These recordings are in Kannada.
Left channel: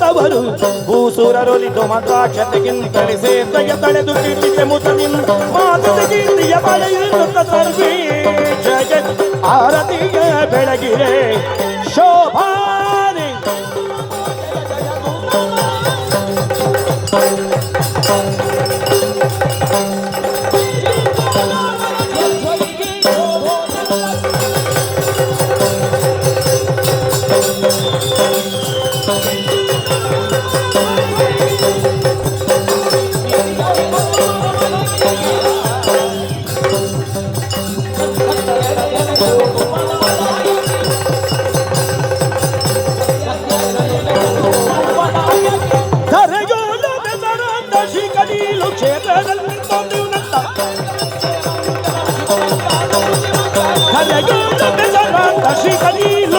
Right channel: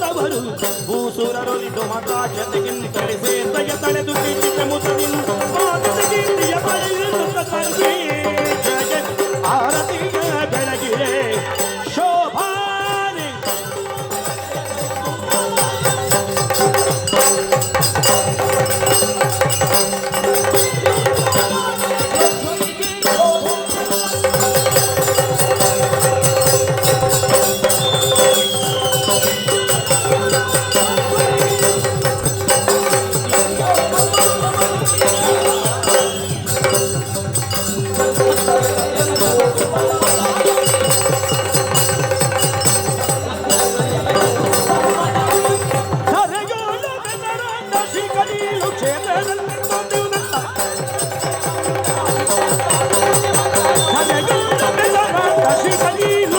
ಭೂತವರು ಭೂಸುರರೊಲಿದು ಮತಾಕ್ಷತೆಗಿಂತಳಿಸೇ ದಯ ತಳೆದು ಕೀರ್ತಿಗೆ ಮುತನಿಂದ ಮಾತೃಗಿರಿಯ ಬಳೆಯಿರುತ್ತ ತರ್ಗಿ ಜಗತ್ ಆರತಿಗೆ ಬೆಳಗಿರೆ ಶೋಭಾನೆ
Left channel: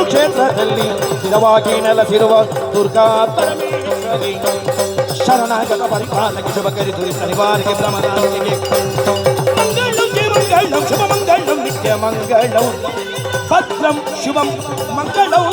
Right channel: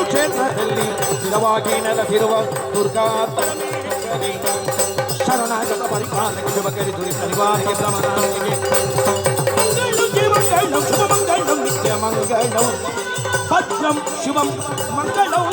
ಕ್ಷೇತ್ರದಲ್ಲಿ ಸ್ಥಿರವಾಗಿ ನೆಲೆಸಿರುವ ದುರ್ಗಾ ಪರಮೇಶ್ವರಿ ಶರಣಾಗತ ಪರಿಪಾಲನೆಗೆ ಶುಭಕರಿ ದುರಿತ ನಿವಾರಣೆಗೆ ಭ್ರಮನಾಶಿಗೆ ಮಂಗಳಂ ಶುಭ ಮಂಗಳಂ ನಿತ್ಯ ಮಂಗಳಂ ಭದ್ರಂ ಶುಭಂ ಮಂಗಳಂ